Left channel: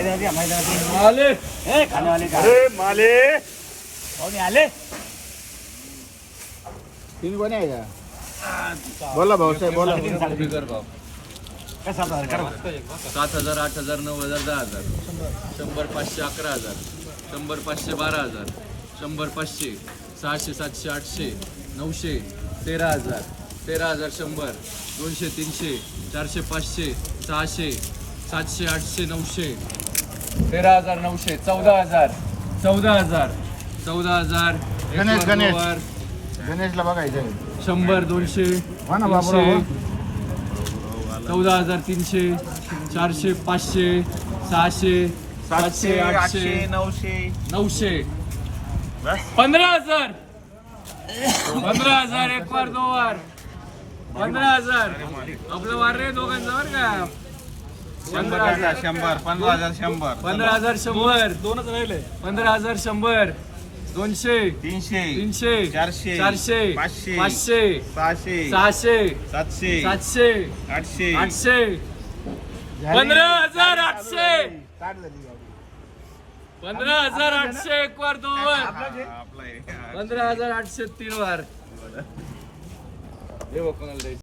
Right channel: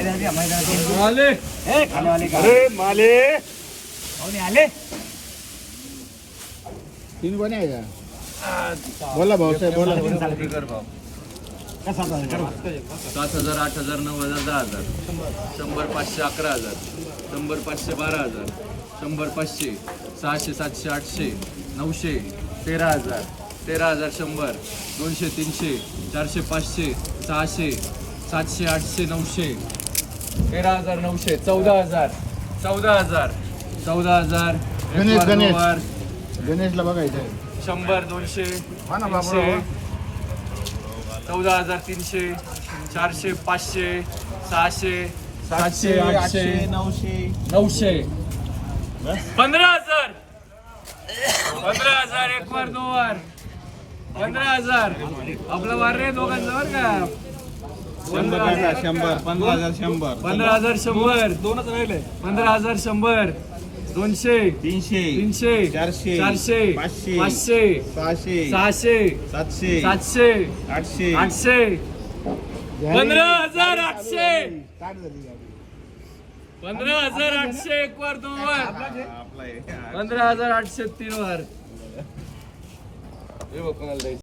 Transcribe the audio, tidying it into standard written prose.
आले तीन कोणी आहे का? बोला भाऊसाहेब बोला. 7,000, 8,000, 9,000, 10,000, 100, 500, 11,000, 100, 500, 12,000, 100, 500, 600, 700, 800, 900, 13,000, 13,000, 100, 200, 300, 400, 500, 600, 700, 800, 900, 13,000, 900, 14,000, 14,000, 14,000, गणेश गणेशला बघायचं नाही. 100, 200, हा ना बाबूराव. 14,300, 400, 500, 600, 700, 800, 900, 15,000, 15,000, एक वार 2 वार 15,000. आपला वार रे दोघांचा वर का? 100, 15,000, 100, 15,000, 100, 15,000, 100, 200, 300, 300, 400, 400, 500, 500, 600, 600, 700, 700, 800, 800, 15,800, 15,800, एक वार 2 वार आपला आहे. 15,800, 3 वार.